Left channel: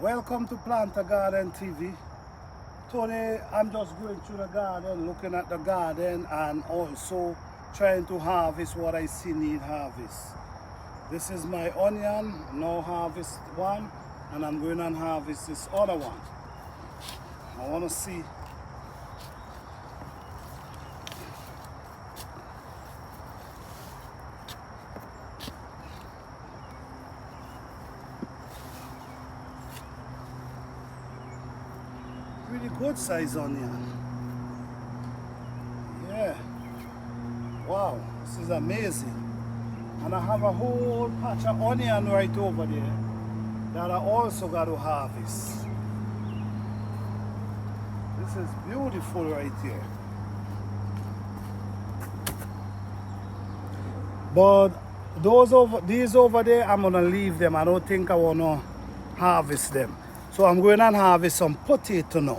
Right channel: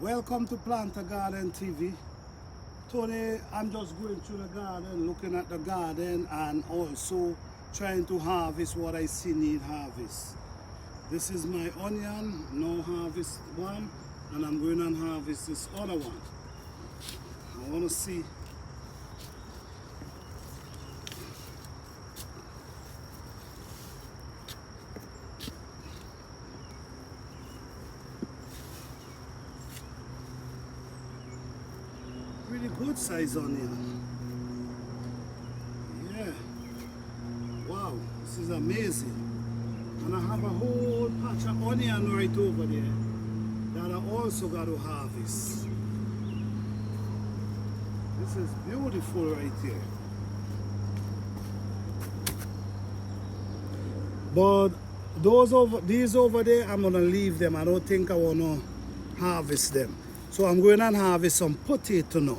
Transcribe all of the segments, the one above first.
Welcome to Plant a Garden TV. Today I'm just going through the garden, looking at the garden and also trying to harvest what I see need harvest. This is my onion, now harvest one, and I'm going to harvest this other one. I want to see really good size onion. Yeah. Wow, this is amazing. And I have a whole patch of onion right over there that I also got to harvest. This is beautiful right here. But these over there, I'm gonna leave them. I don't think I wanna harvest them. So I'm going to harvest some potato now.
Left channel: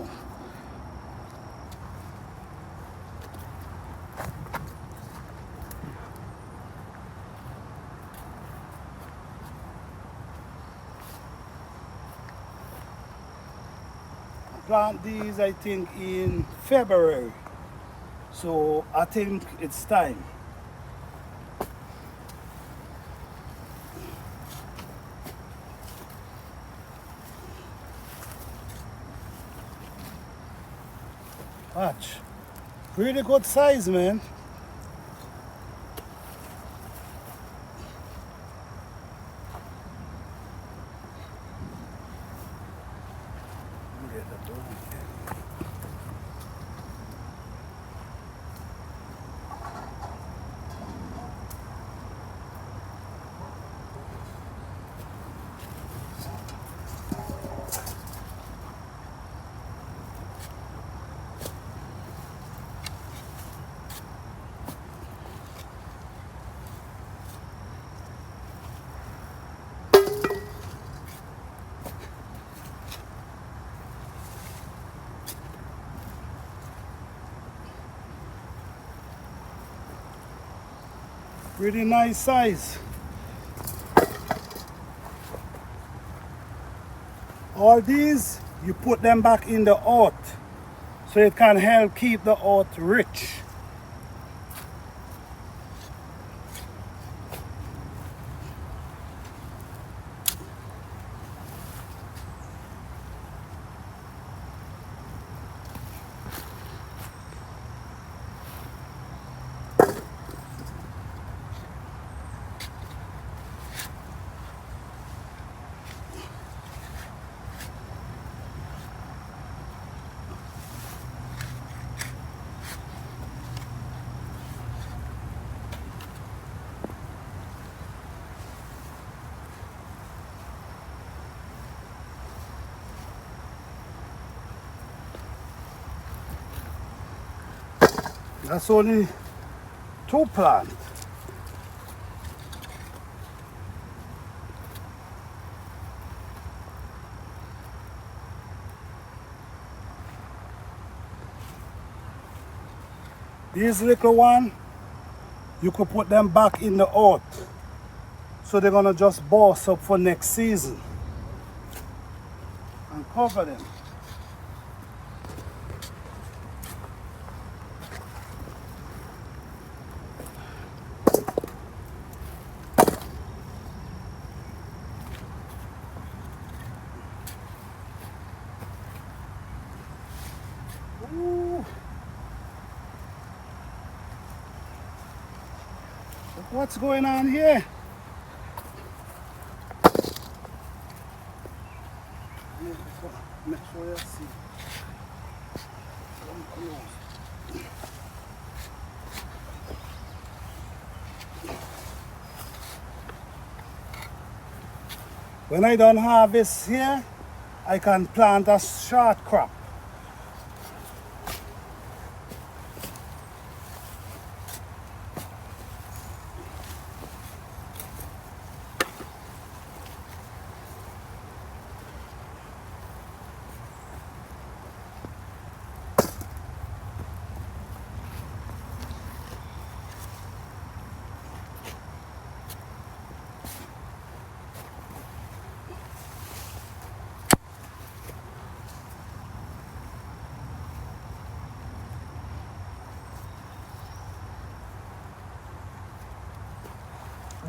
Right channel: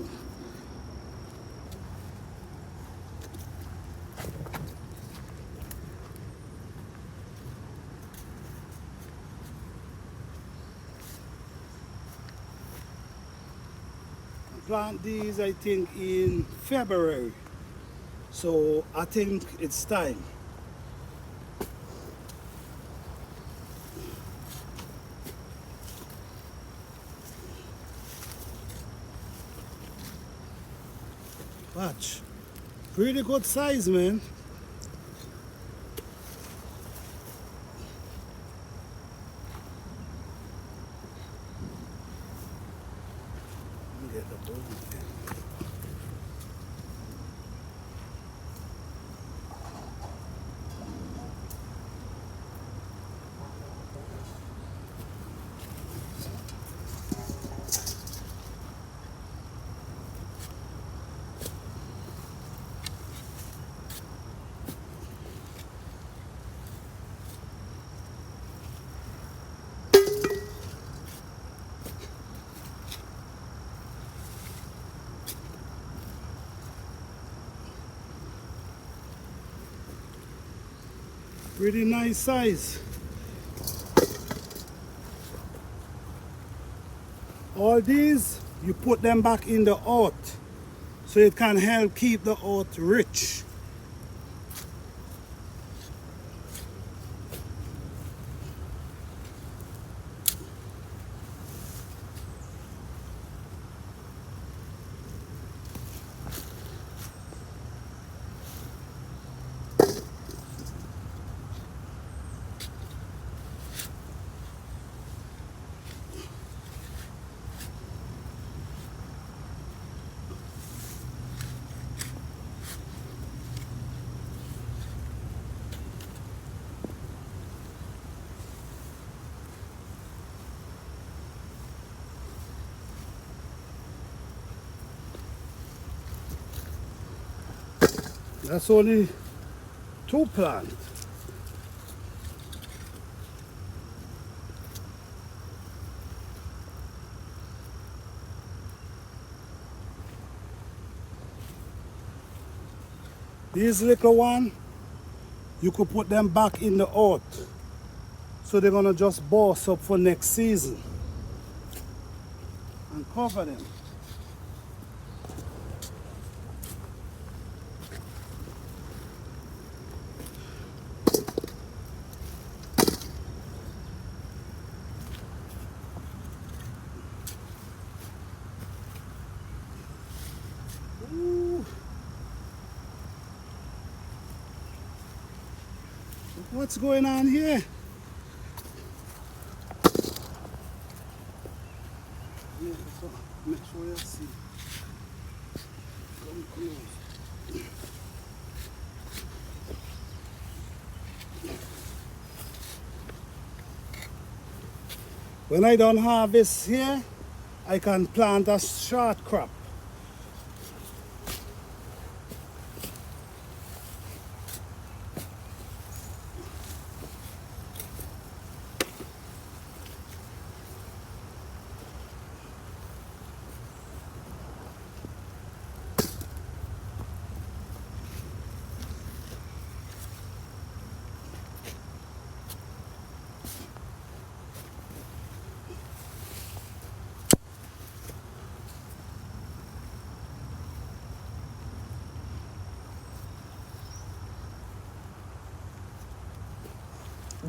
I plant these, I think, in February. So I think it's time. Watch. Pretty good size, man. Look at that dog. Pretty nice size. All these, you put them back in the earth so it can help keep the earth rich. That's only 2 plants. These little ones, you could put them back in the earth. So they're gonna just burst up for next season. And cover them. Ooh. Look what's going on here. Make sure you see. Come close. When I done harvest here, I can plant a short crop.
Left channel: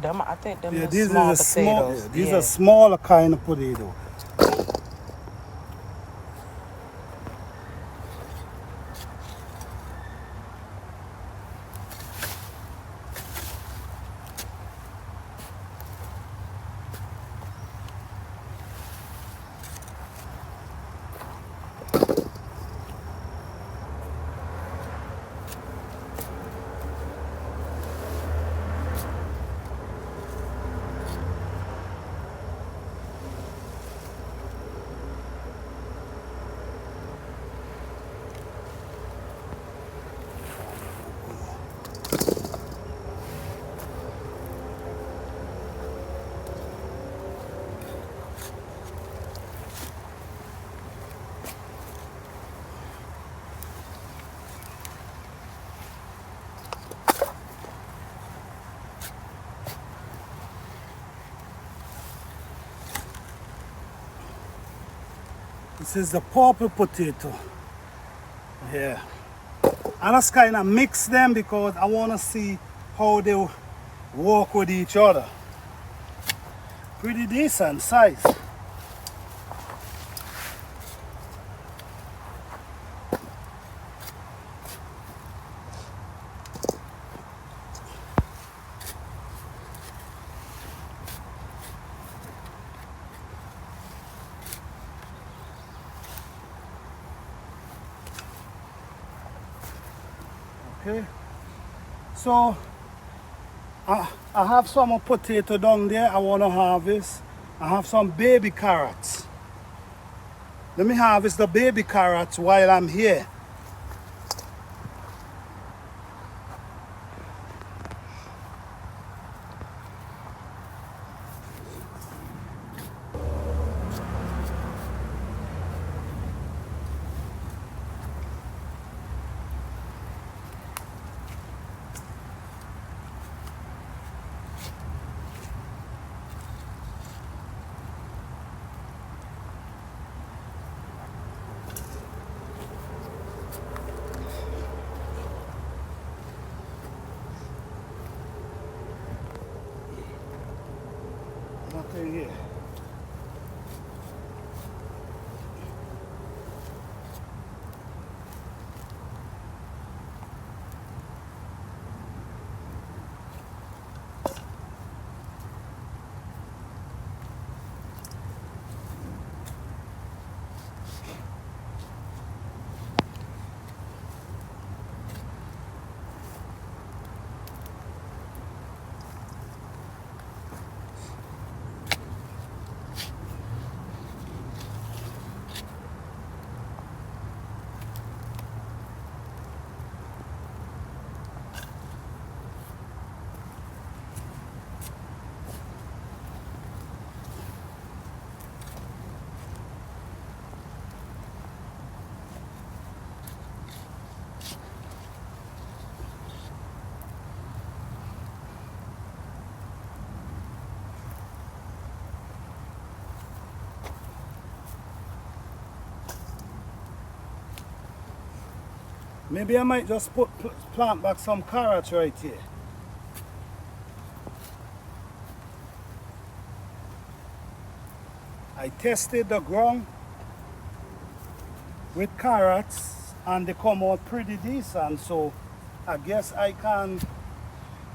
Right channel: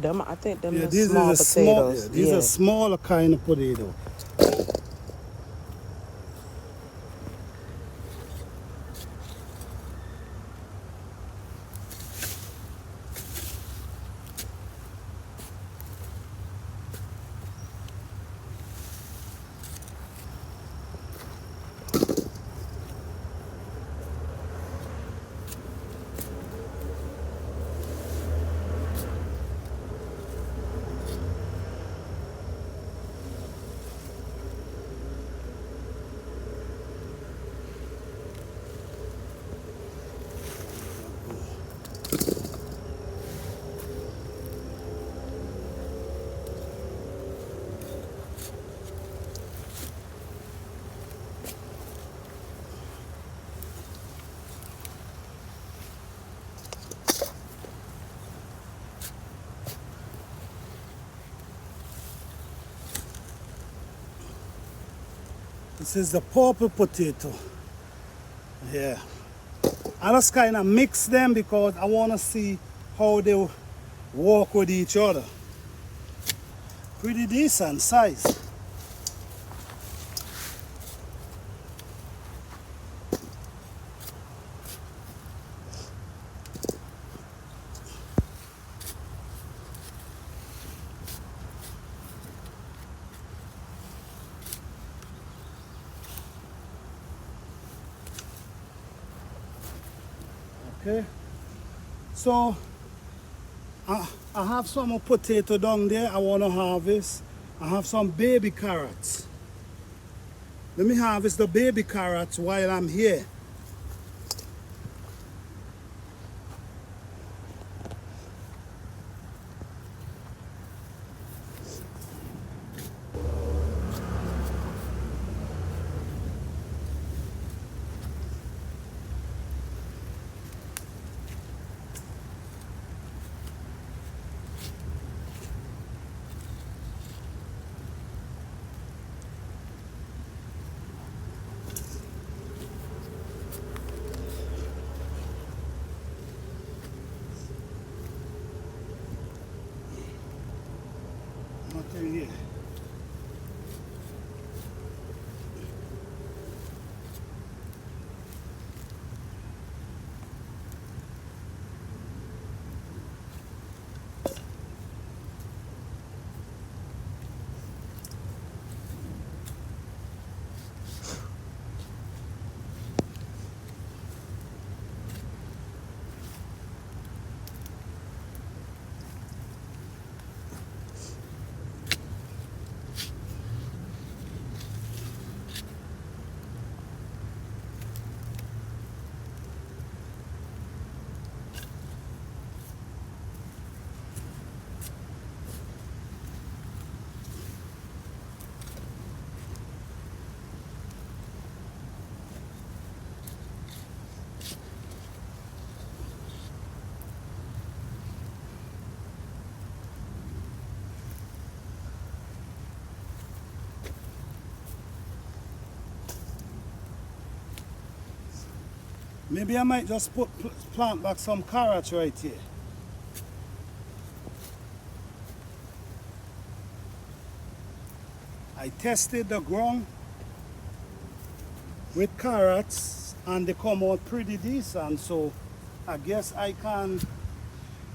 them, I think them Yeah, are this small is a small. potatoes. Yeah, these are smaller kind of potato. This is the purple potato. Yeah. I just kind of mix them because I want to see how they work with each other. Pretty decent size. Okay, so I have some potato down there I want to harvest. I have some baby carrots. Let me harvest the baby carrots while I'm here. Okay, here. Maybe I might just plant back some carrots right here. I tested the ground with carrots and they come out pretty decent, so I guess I can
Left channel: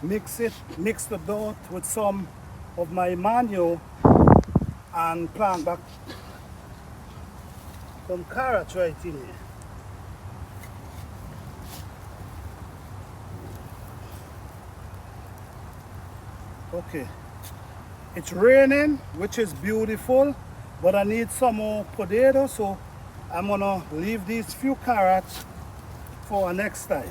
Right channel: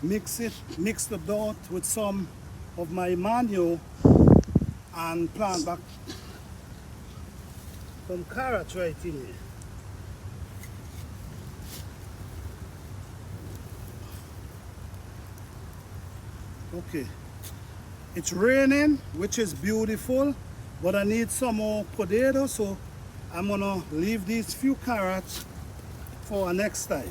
mix the dirt with some of my manure and plant back some carrots right in here. Okay, it's raining, which is beautiful, but I need some more potatoes, so I'm gonna leave these few carrots for next time.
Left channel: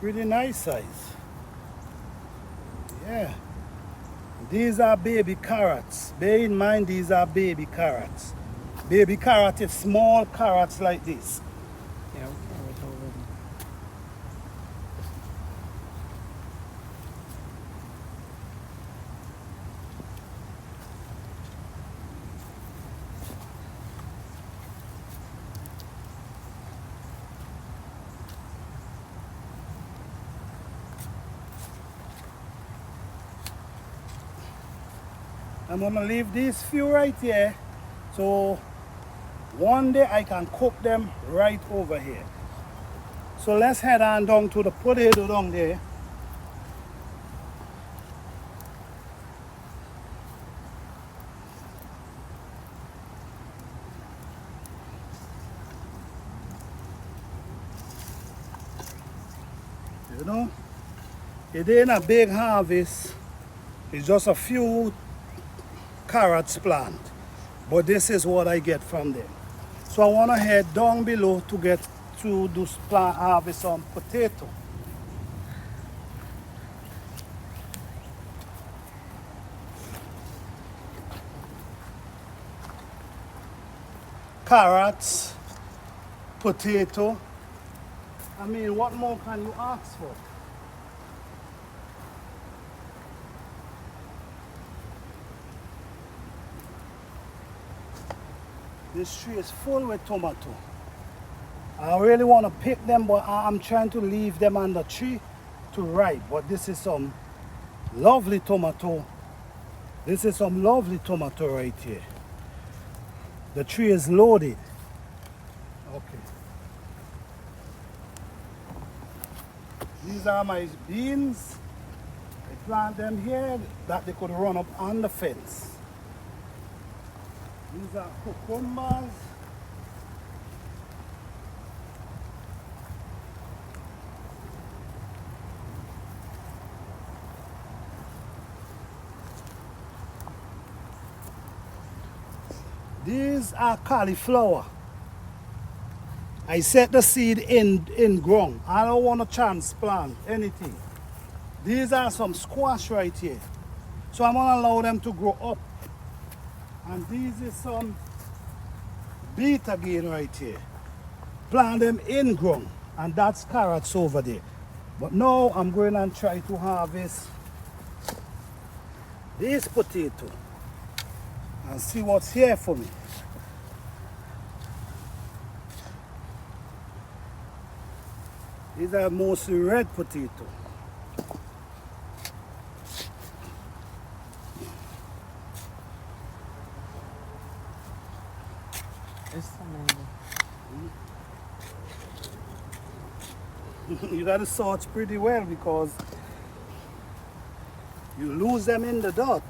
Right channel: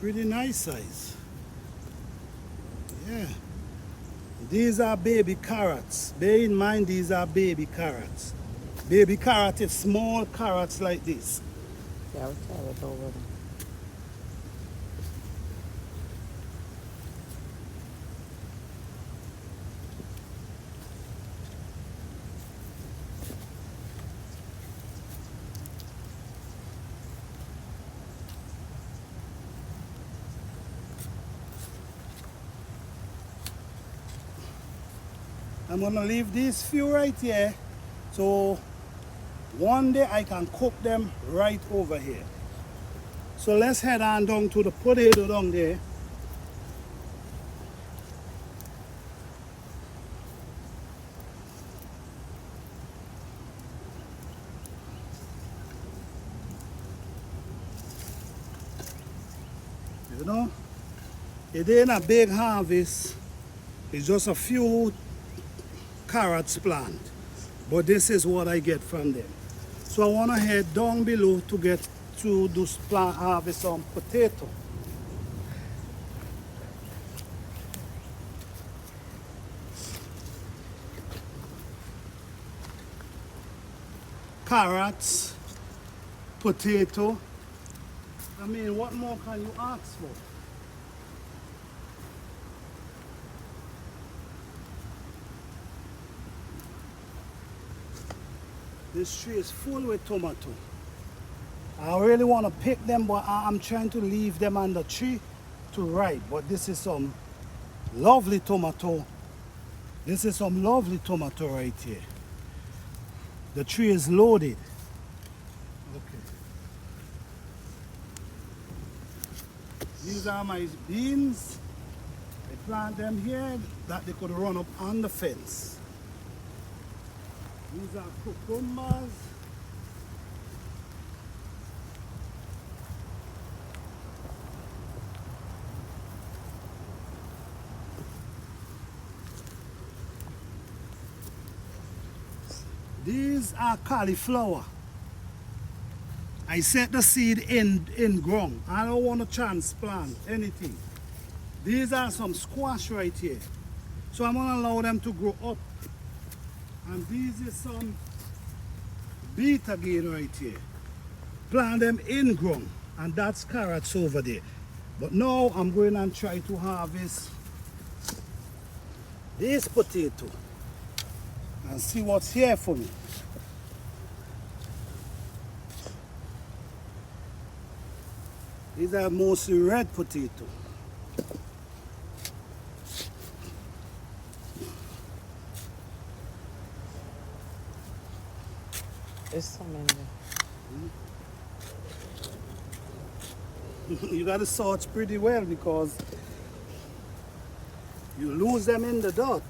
Pretty nice size. Yeah. These are baby carrots. Bear in mind, these are baby carrots. Baby carrot is small carrots like this. Yeah, we carrot over them. I'm gonna leave these few right here, so one day I can cook them right over here. So let's head on down to the potato down there. You know, it ain't a big harvest. It's just a few carrots planted. But this is what I get from them. So I want to head down below to get to this plant harvest some potato. Carrots, potato. I mean, what more can you ask for? This tree is full with tomato. I really want to pick them, but I'm trying to leave them on the tree to ripe. But this is some lovely tomato. This is some lovely tomato right here. The tree is loaded. Okay. These are my beans. I plant them here that they could run up on the fence. These are cucumbers. These are cauliflower. I set the seed in ground. I don't want to transplant anything. These are some squash right here. So I'm going to allow them to grow up. And these is some beet again right here. Plant them in ground. And that's carrots over there. But now I'm going and try to harvest this potato and see what's here for me. These are mostly red potato. There's so many. You gotta sort pretty well because you lose them in the dirt.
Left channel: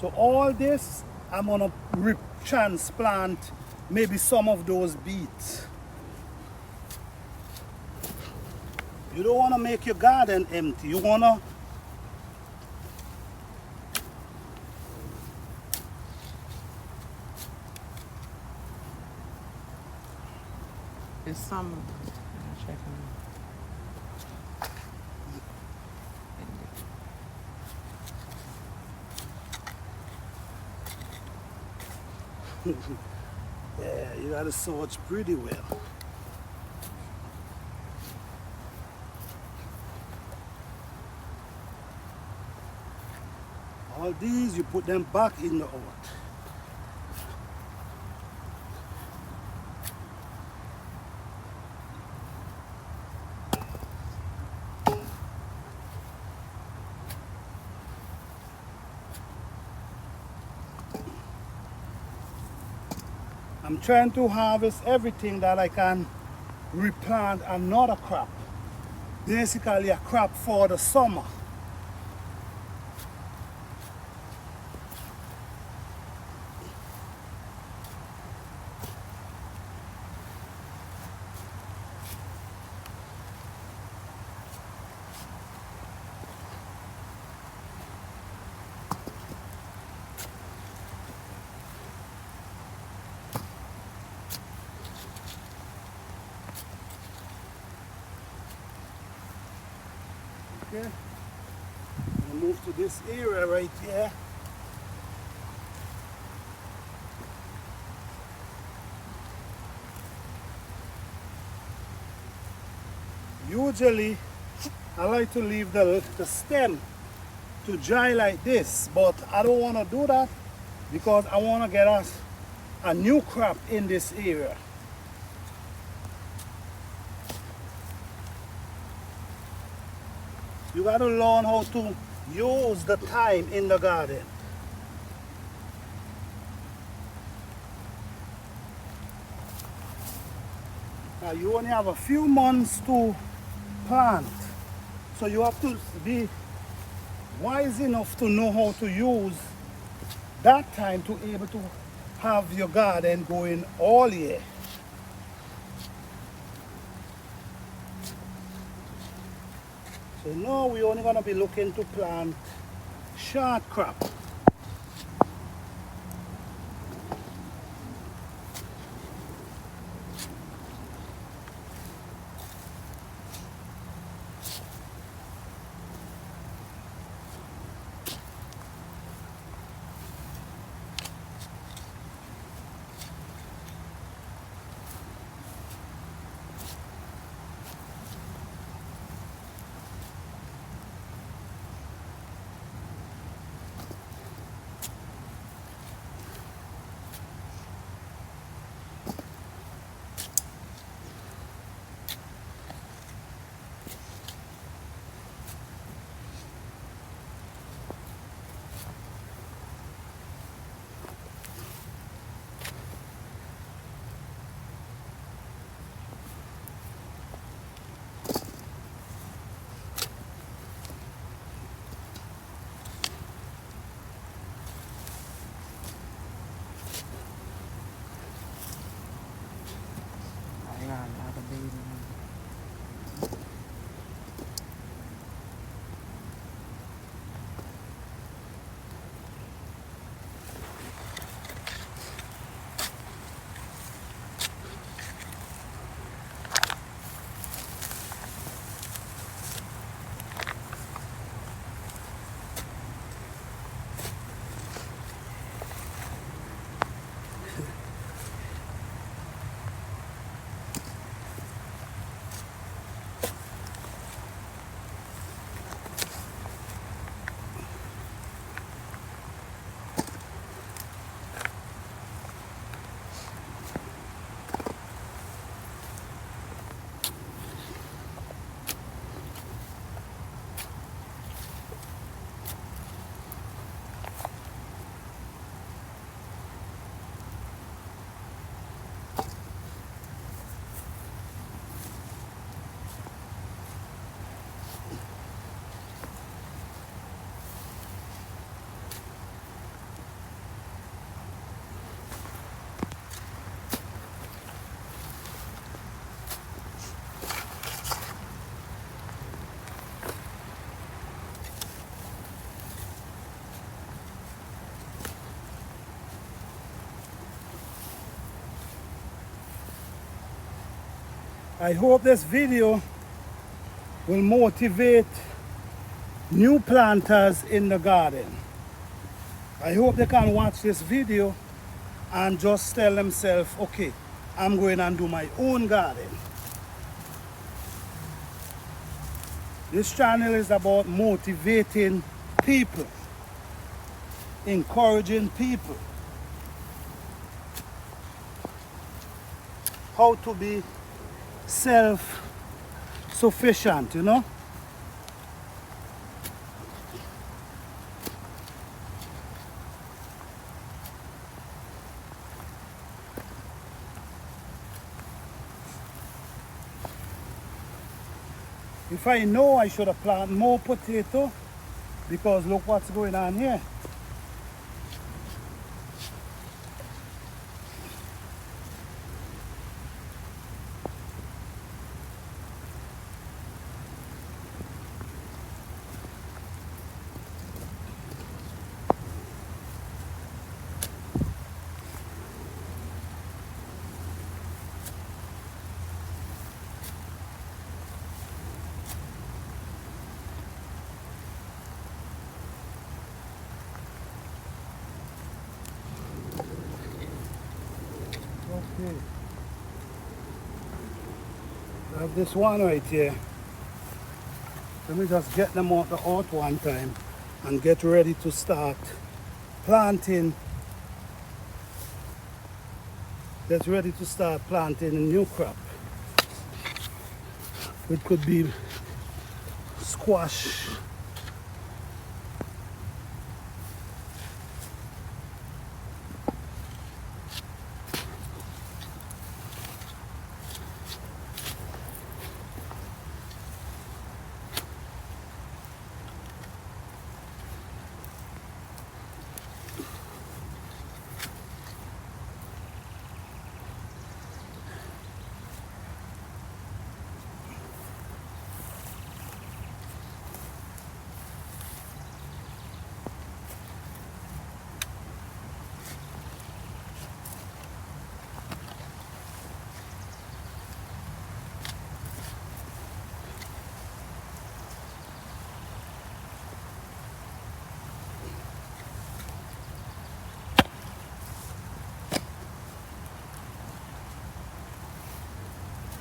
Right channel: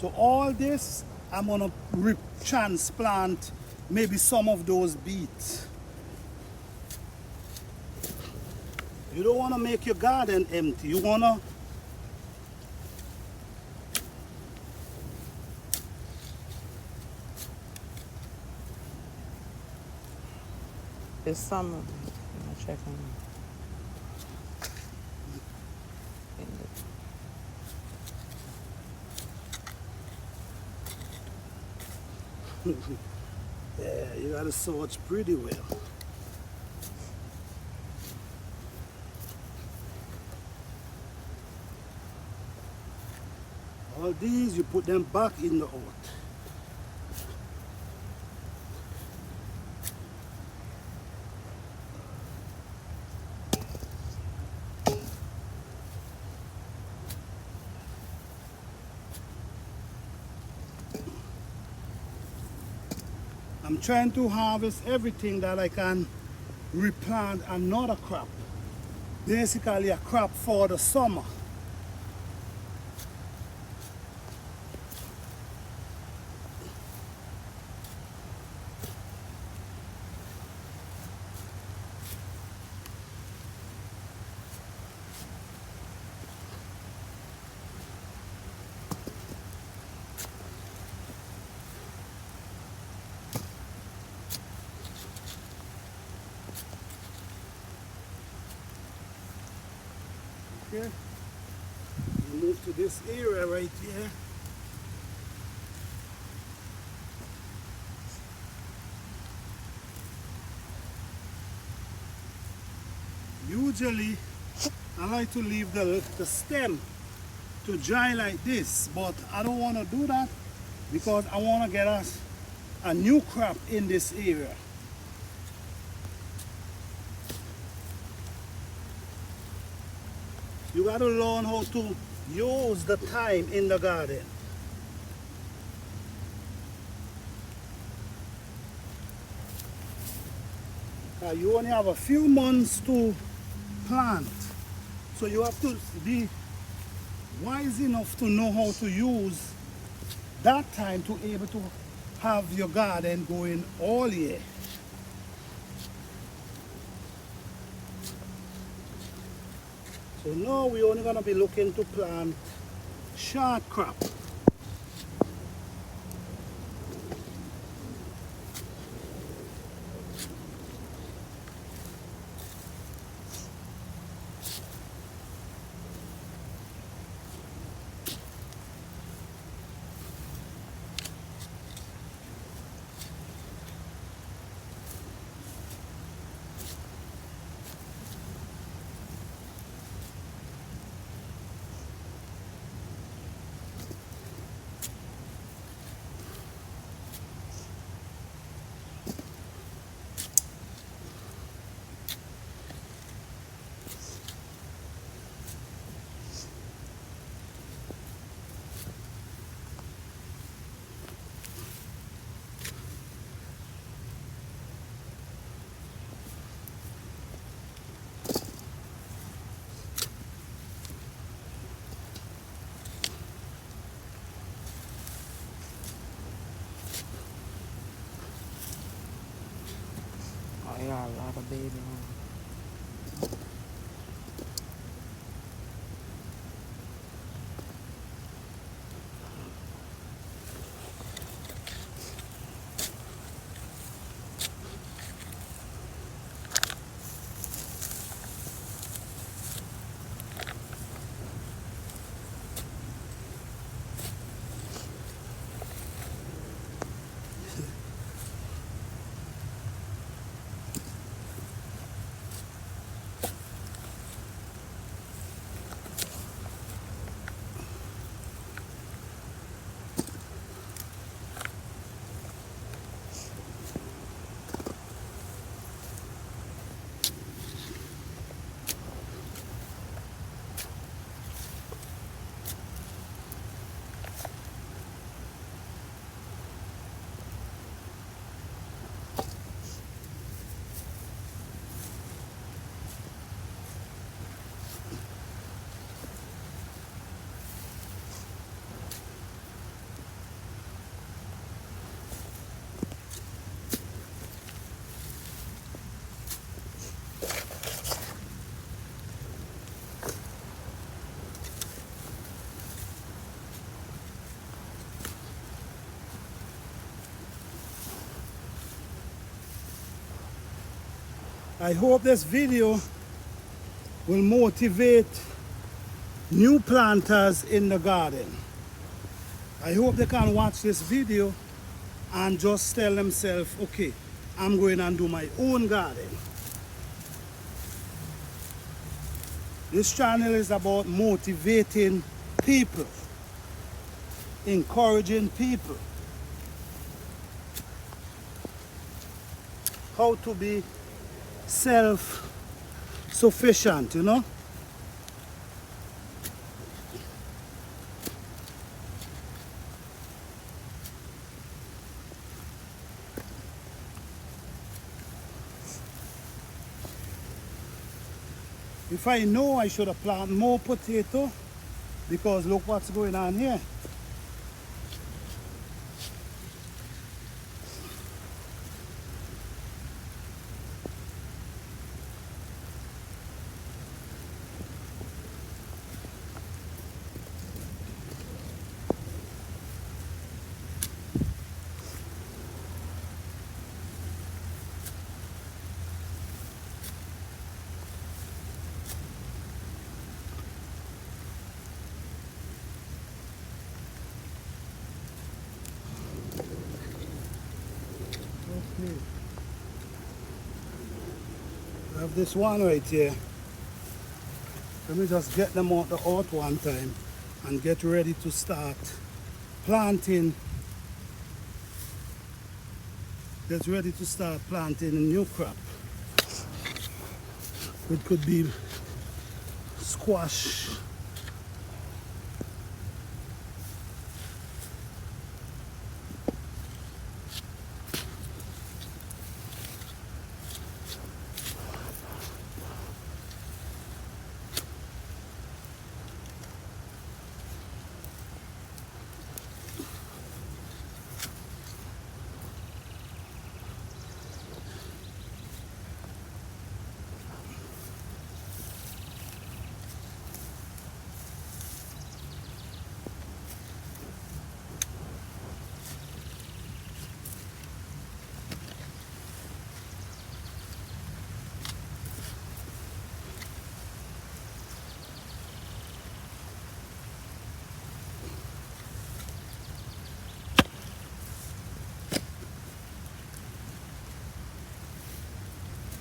So all this, I'm gonna transplant maybe some of those beets. You don't wanna make your garden empty. You wanna There's some. I'm checking. yeah, you gotta sort pretty well. All these, you put them back in the earth. I'm trying to harvest everything that I can replant another crop. Basically a crop for the summer. Okay, I'll move to this area right here. Usually, I like to leave the stem to dry like this, but I don't want to do that because I want to get us a new crop in this area. You got to learn how to use the time in the garden. You only have a few months to plant, so you have to be wise enough to know how to use that time to be able to have your garden going all year. So now we're only going to be looking to plant short crop. I got a lot of baby on. I hope this video will motivate new planters in the garden. I hope they can watch this video and just tell themselves, okay, I'm going and do my own garden. This channel is about motivating people, encouraging people how to be self-sufficient, you know. If I know, I should have planted more potato, because look what's going on here. Okay. I have this one right here. Let me just get them out the earth one time and get ready to start planting. Get ready to start planting a new crop. It could be squash,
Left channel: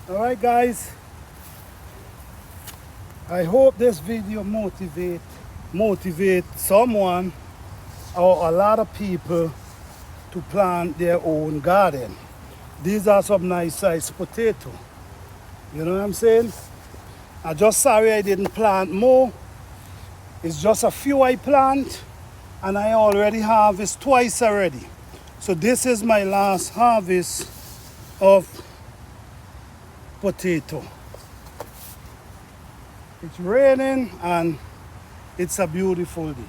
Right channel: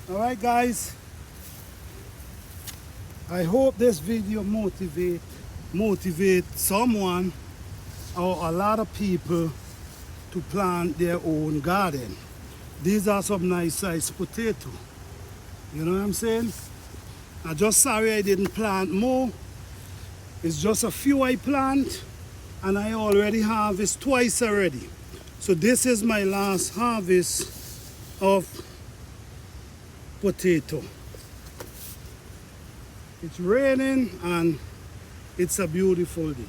All right, guys. I hope this video motivate someone or a lot of people to plant their own garden. These are some nice sized potato. You know what I'm saying? I'm just sorry I didn't plant more. It's just a few I plant, and I already harvest twice already. So this is my last harvest of potato. It's raining and it's a beautiful day.